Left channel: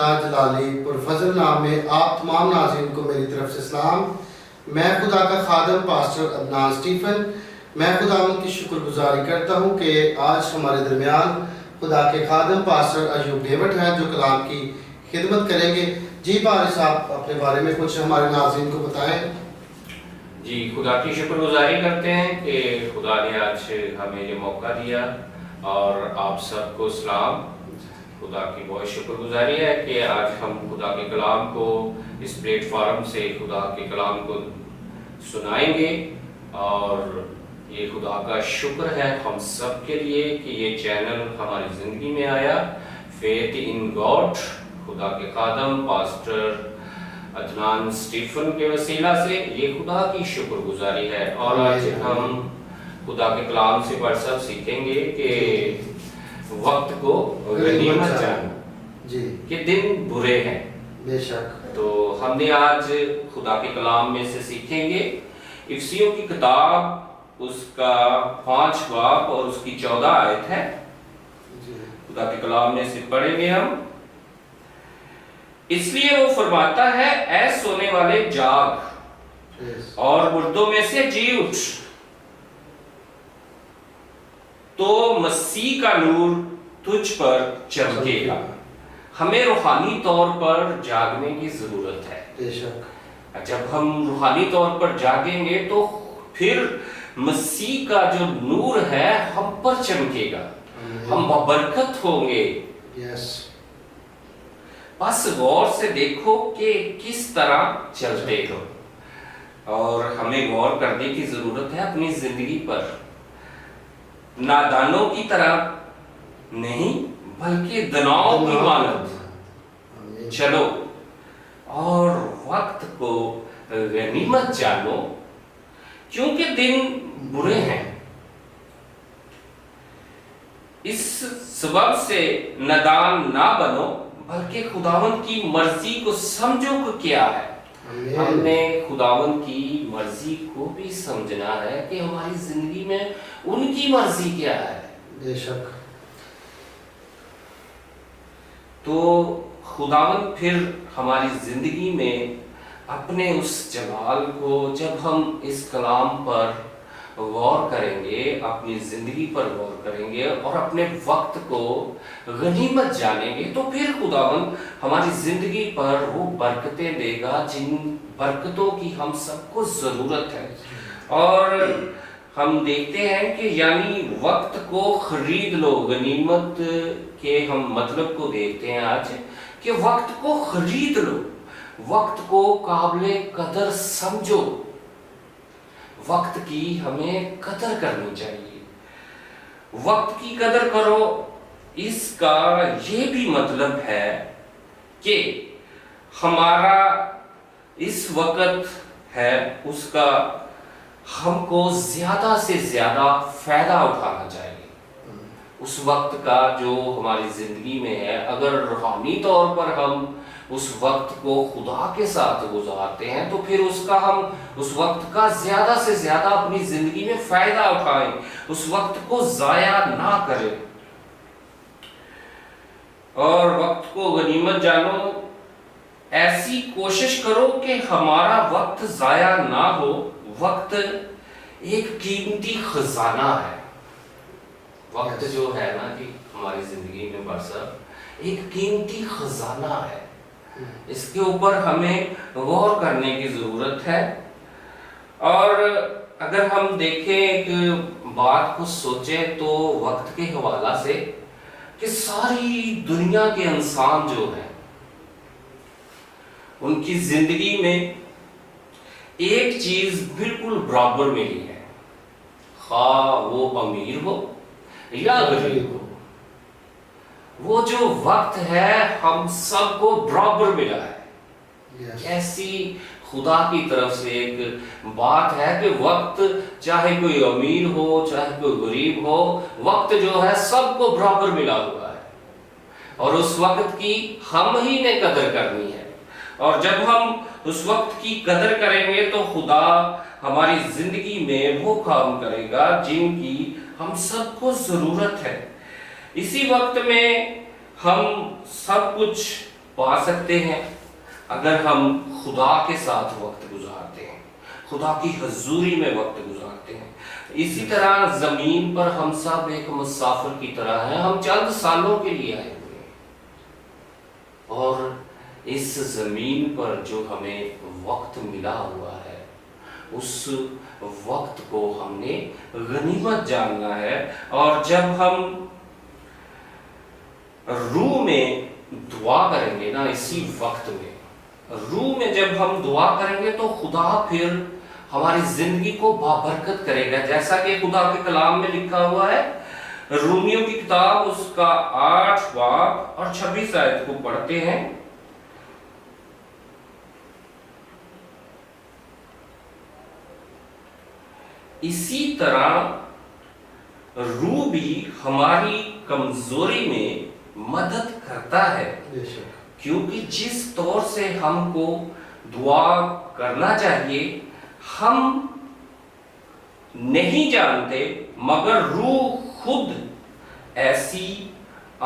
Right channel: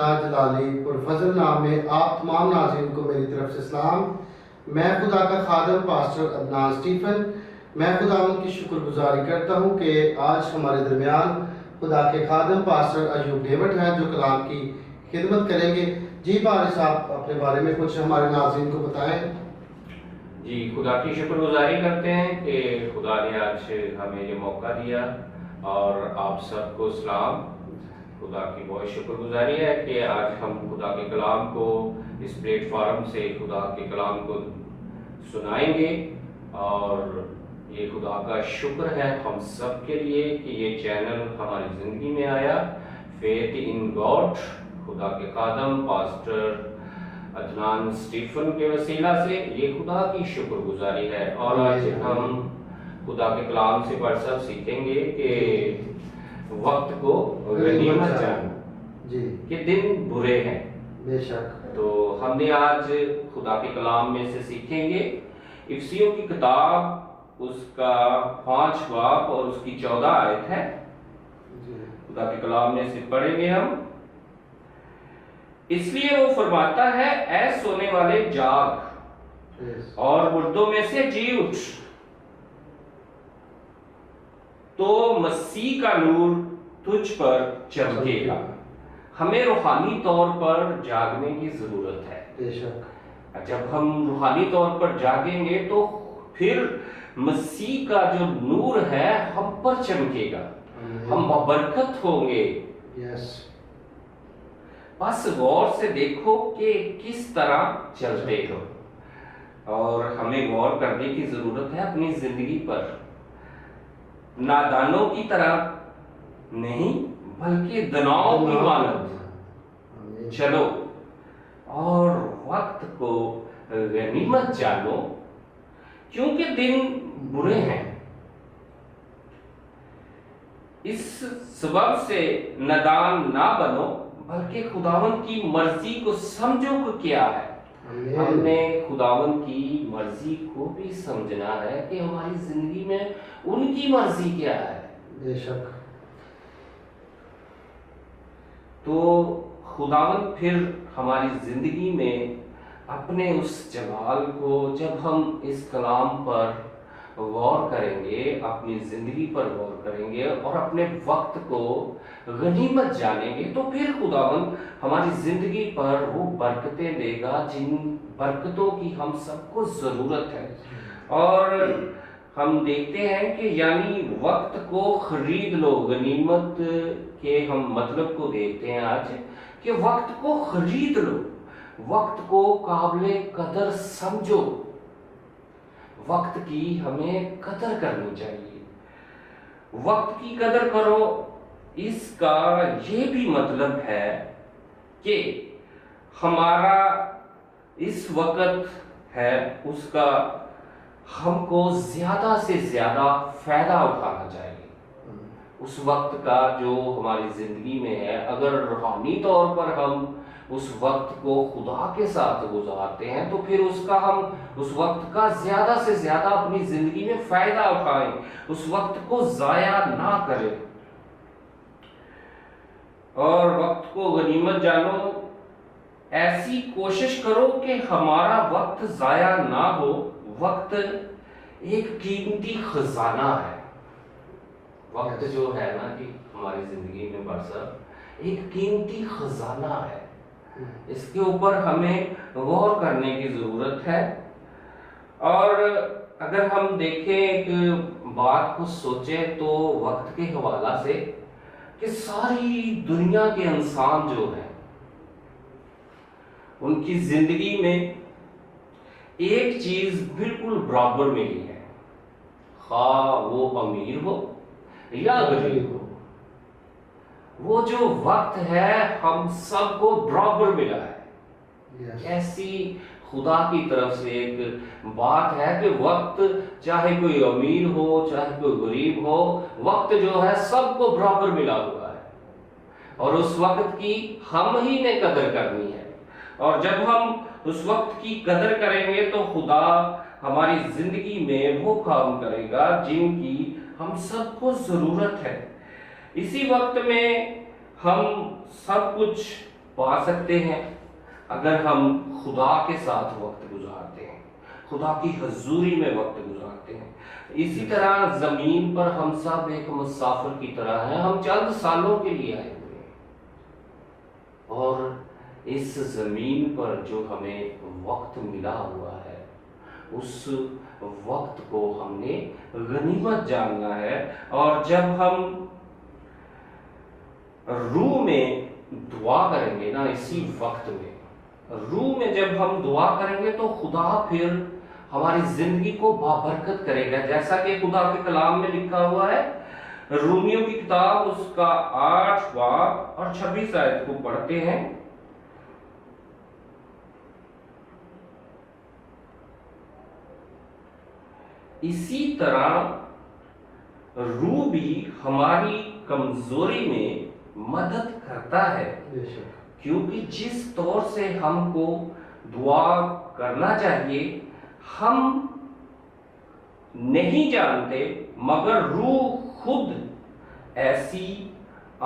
خدا جلالی پرفضل نام میں آپ تمام ناظرین کو میری طرف سے سلام۔ میں خدا کا خادم پاسٹر عدنان اسٹیفن، میں خداوند کی شکر گزاری کرتا ہوں کہ آج ہمارے درمیان خدا کے خادم پاسٹر ایوب ڈیوڈ ہیں جو کلام کی خدمت کریں گے۔ جی پارس صاحب اپنے بارے میں کچھ ہمارے ناظرین کو بتائیں۔ جی خدا کی شکر گزاری کرتے ہیں کہ خدا نے آج ہمیں یہ موقع دیا، اور آپ سب کو سلام۔ خدا کی بہت شکر گزاری ہے کہ آج ہم خدا کے کلام کو اس پلیٹ فارم سے خدا کے کلام کو سنائیں گے، اور یہ خدا کا شکر ہے ہم سب کے لیے کہ یہ چینل ہماری زندگی میں آیا۔ فیتھ ان گاڈ خدا کے خادم پاسٹر عدنان اسٹیفن کے وسیلہ سے یہ خدا کی شکر گزاری ہے۔ اور آج ہم خدا کے کلام سے بڑھ سب سیکھیں گے کہ وقت کو غنیمت جانو، جی کہ دن برے ہیں۔ بے شک۔ تو ہم نے آج خدا کے کلام میں سے سیکھیں گے افسیوں کی کتاب، اس کا 5 باب اور اس کی 14 آیت ہے۔ خدا کے کلام میں سے پڑھیں گے ہم۔ اس لیے وہ فرماتا ہے، اے سونے والے جاگ اور مردوں میں سے جی اٹھ، تو مسیح کا نور تجھ پر چمکے گا۔ ہمیں روحانی طور پر جاگنے کی ضرورت ہے۔ بے شک۔ جب ہم روحانی طور پر جاگیں گے تو پھر مسیح کا جو نور ہے ہم پر چمکے گا، ہم ببرکت ہوں گے۔ یس۔ بس غور سے دیکھو کہ کس طرح چلتے ہو، اور ہمیں غور کرنے کی ضرورت ہے اپنی زندگی پر۔ نادانوں کی طرح نہیں بلکہ دناؤں کی مانند چلو، اور وقت کو غنیمت جانو، کیونکہ دن برے ہیں۔ اس سبب سے نادان نہ بنو، بلکہ خداوند کی مرضی کو سمجھو کہ کیا ہے۔ ہم نے خداوند کی مرضی کو بھی سمجھنا ہے کہ ہماری زندگی میں ان کی مرضی کیا ہے۔ بے شک۔ تو خداوند پھر ہماری زندگی میں اپنے اس جلال کو، جب ہم اس کلام پر غور کریں گے، اپنی زندگی پر غور کریں گے اور اپنے وقت کو غنیمت جانیں گے، تو پھر خداوند ہماری زندگی پر وہ برکتیں دے گا جن برکتوں کی ہم سب کو ضرورت ہے۔ اور ہم دیکھتے ہیں کہ یعنی وقت کو خرید لو، غنیمت کے ہم مطلب کو دیکھتے ہیں آج کہ وقت کو خرید لو، وقت کو قابل قدر سمجھو، وقت کی ہمیں قدر کرنی چاہیے۔ وقت کی قدر کرو، اس کا یہ بھی مطلب ہے کہ ہمارا اس وقت ہے اس کا ہم کو زیادہ سے زیادہ فائدہ اٹھانا چاہیے۔ اس وقت کا جو ہماری زندگی میں ہے، اگر روحانی طور پر ہم اس وقت کو خدا کے ساتھ گزارتے ہیں تو پھر ہم اس وقت کا زیادہ سے زیادہ اپنی زندگی میں فائدہ اٹھائیں، اس وقت کو ضائع نہ کریں، اور وقت کو غنیمت جانو۔ ایسی کوشش کرو کہ ہمارا وقت ضائع نہ ہو۔ وقت ایک قیمتی خزانہ ہے۔ وقت جو ہے نا کہ ہماری زندگی میں برسر ایک قیمتی خزانہ ہے، اس کے اوپر ہمیں غور کرنے کی ضرورت ہے۔ اور اگر ہم دیکھیں ایک بات کو سوچیں تو وقت کے حوالہ سے کہ ساری دنیا کے انسان جو ہیں ان کی زندگی میں ایک چیز بالکل برابر ملی ہے، خواہ وہ امیر ہو یا غریب ہو، وہ جو وقت ہے ہم سب کو برابر ملا ہے۔ ایسی خدا کی طرف سے ایک بات ہے کہ وقت چاہے کوئی امیر ہو چاہے کوئی غریب ہو، وقت جو ہے سب کو برابر ملا ہوا ہے، اور اس وقت کی ہم ہی نے قدر کرنی ہے۔ اور جب ہم اس وقت کی قدر کریں گے تو خدا ہماری زندگی میں وہ کام کرے گا جن کی ہم سب کو ضرورت ہے۔ اسی وقت میں ہم سب کچھ پا سکتے ہیں اگر ہم خدا کے ساتھ وقت گزارتے ہیں، خدا کی حضوری میں وقت گزارتے ہیں۔ اسی طرح زمین پر ہم سب ایک مسافر کی طرح ہیں، ہم چند سالوں کے لیے آئے ہوئے ہیں، اور اس زمین پر جو ہمیں وقت ملا ہوا ہے اس وقت کو ہم نے غنیمت جاننا ہے۔ اور جب ہم روح میں دعا کریں گے نا، اسی وقت میں روح میں جب ہم دعا کریں گے تو خدا پھر ہماری زندگی کو بابرکت کرے گا، جیسا کہ خدا کے کلام میں لکھا ہوا ہے۔ رومیوں کی کتاب اس کا 8 باب اور 26 آیت کو پڑھتے ہیں۔ اسی طرح روح بھی ہماری کمزوری میں مدد کرتا ہے، کیونکہ جس طور سے ہم کو دعا کرنا چاہیے ہم نہیں جانتے، مگر روح خود ایسی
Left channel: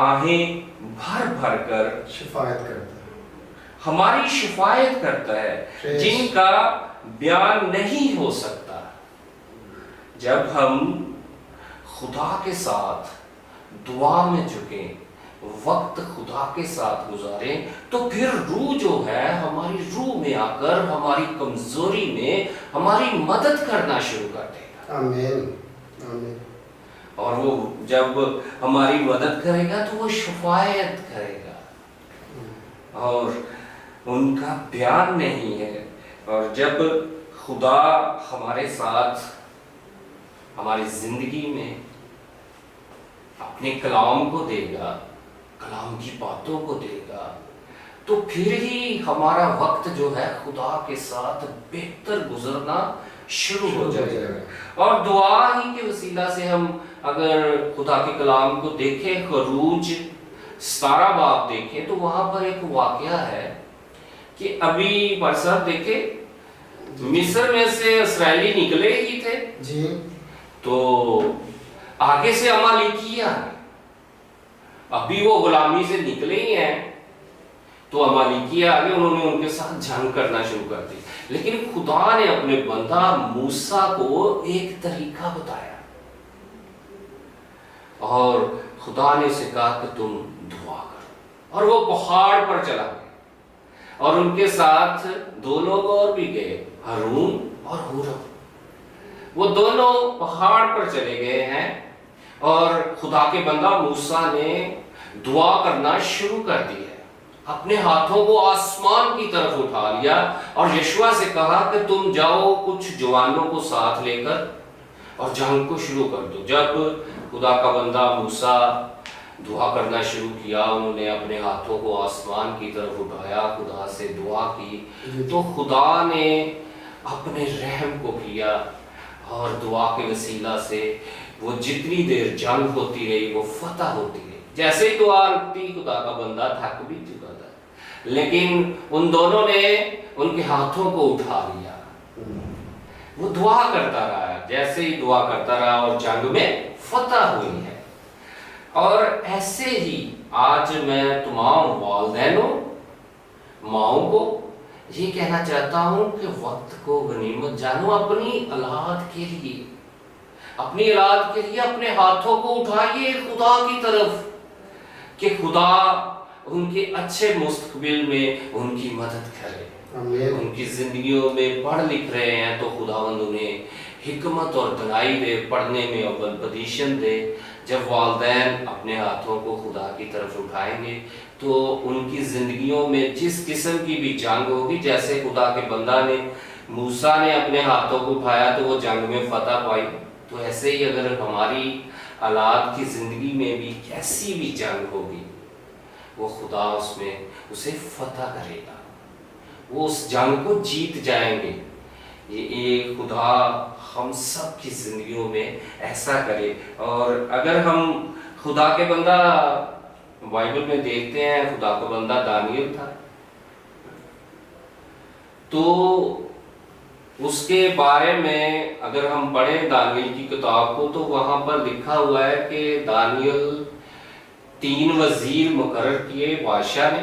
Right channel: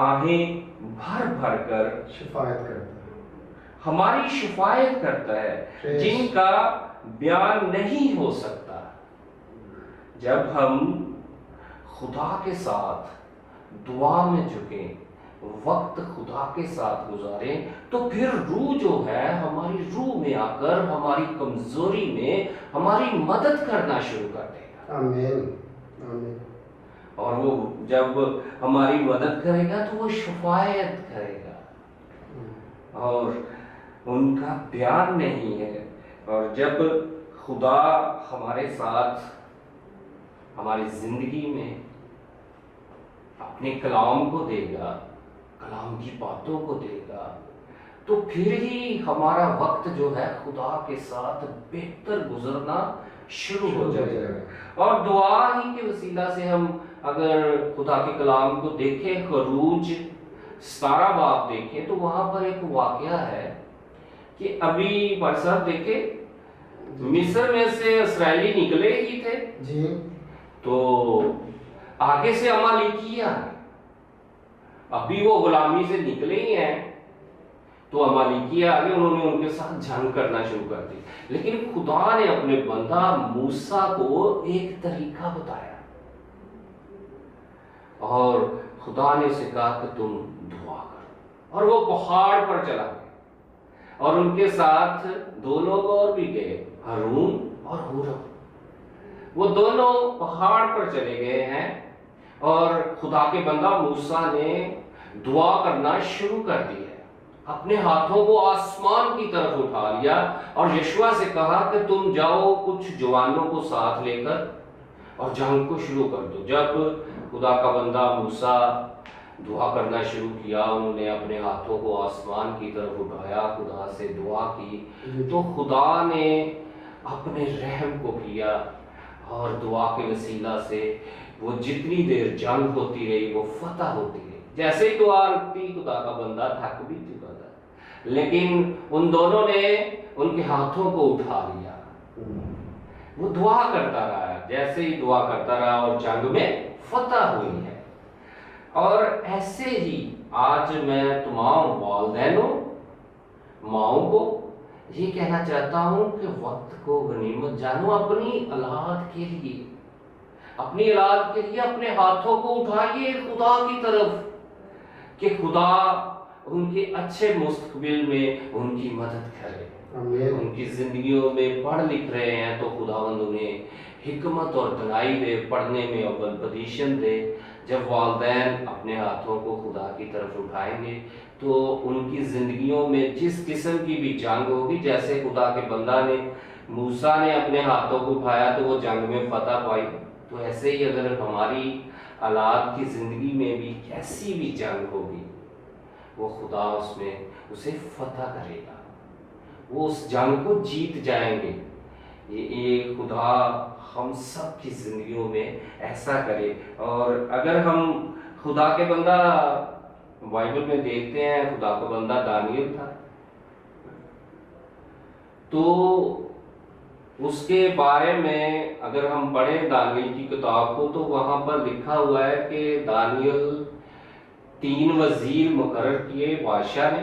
آہیں بھر بھر کر شفایت کرتا ہے، ہماری شفایت کرتا ہے جن کا بیان نہیں ہو سکتا۔ جب ہم خدا کے ساتھ دعا میں جھکیں، وقت خدا کے ساتھ گزاریں، تو پھر روح جو ہے ہماری روح میں آ کر ہماری کمزوری میں ہماری مدد کرنا شروع کر دے گا۔ آمین آمین۔ اور وہ جب ہماری مدد کرے گا تو وہ شفایت کرے گا، اور ان کا بیان نہیں ہے۔ اور جب خدا ہمارے ساتھ ہماری زندگی میں اپنے کلام کو دے گا، کلام کی باتوں کو دے گا، تو پھر ہی ہمارا وقت جو ہے خدا کے ساتھ بہتر گزرنا شروع ہو جائے گا۔ اور دعا ہی کے وسیلہ سے ہم اگر خدا کے کلام کو دیکھیں، خروج 17 باب دیکھیں تو وہاں پر ایک واقعہ ہے کہ ابھی برسات دیکھیں مصر میں سے اسرائیلی نکلے ہی تھے جی، تو آگے سے امالیکیہ ابھی وہ غلامی سے نکلے ہی ہیں، تو امالیکیہ آگے انہوں نے ان کے ساتھ جنگ کرنا شروع کر دی۔ لیکن خدا نے اپنے بندہ موسیٰ کو ایک طریقہ بتایا، اور خدا نے اسے کہا کہ تم دعا کرو، اور وہ پہاڑ پر چلا گیا، اور ان کے ساتھ 2 لوگ اور بھی گئے، ہارون اور ہورم۔ وہ دونوں پہاڑ پر چلے گئے ہیں، اور خدا کے بندہ موسیٰ نے دعا کرنا شروع کر دی ہے، اپنے ہاتھوں کو آسمان کی طرف اٹھا لیا اور یشوع سے کہا کہ تم جاؤ کچھ جوانوں کو ساتھ لے کر اور جنگ کو شروع کر دو۔ جب خدا کا بندہ موسیٰ دعا کرنا شروع کیا، انہوں نے اپنے ہاتھوں کو آسمان کی طرف اٹھایا، خدا سے دعا کی، تو خدا نے اپنے رحم کو کیا، اور دعا کے وسیلہ سے وہ جتنی دیر جنگ ہوتی رہی وہ فتح ہوتی رہی۔ جیسے ہی دعا رکھتی خدا کا بندہ تھک بھی چکا تھا، لیکن ان دونوں نے ان کے ہاتھوں کو اٹھا لیا، وہ دعا کرتا رہا، جیسے ہی دعا کرتا رہا اور جنگ میں فتح ہوئی ہے۔ اور ایسے ہی آج میں تمام والدینوں، ماؤں کو یہ کہنا چاہتا ہوں کہ وقت کو غنیمت جانو، اپنی اولاد کے لیے، اپنی اولاد کے لیے اپنے ہاتھوں کو اٹھائیے خدا کی طرف، کہ خدا ان کے اچھے مستقبل میں ان کی مدد کرے۔ ان کی زندگیوں میں پڑھ لکھ رہے ہیں تو خداوند انہیں حکمت اور دانائی دے، پڑھنے میں اول پوزیشن دے۔ جب والدین اپنے ہاتھوں کو خدا کی طرف اٹھائیں گے تو ان کی زندگیوں میں جس قسم کی بھی جنگ ہوگی، جیسے خدا کے بندہ نے موسیٰ نے اپنے ہاتھوں کو اٹھایا تو وہ جنگ میں فتح پائی، تو ایسے ہی اگر ہماری اولاد کی زندگی میں بھی کیسی بھی جنگ ہوگی، وہ خدا اس میں اسے فتح کرے گا، وہ اس جنگ کو جیت جائیں گے۔ یہ خدا ہم سب کی زندگیوں میں ایسا کرے۔ اور اگر ہم خدا کے بندہ بائبل میں دیکھتے ہیں، خدا کا بندہ دانیل تھا، تو اس کے بارے میں اگر ہم پڑھیں دانیل کی کتاب کو تو وہاں پر لکھا ہوا ہے کہ دانیل 3 وزیر مقرر کیے بادشاہ نے،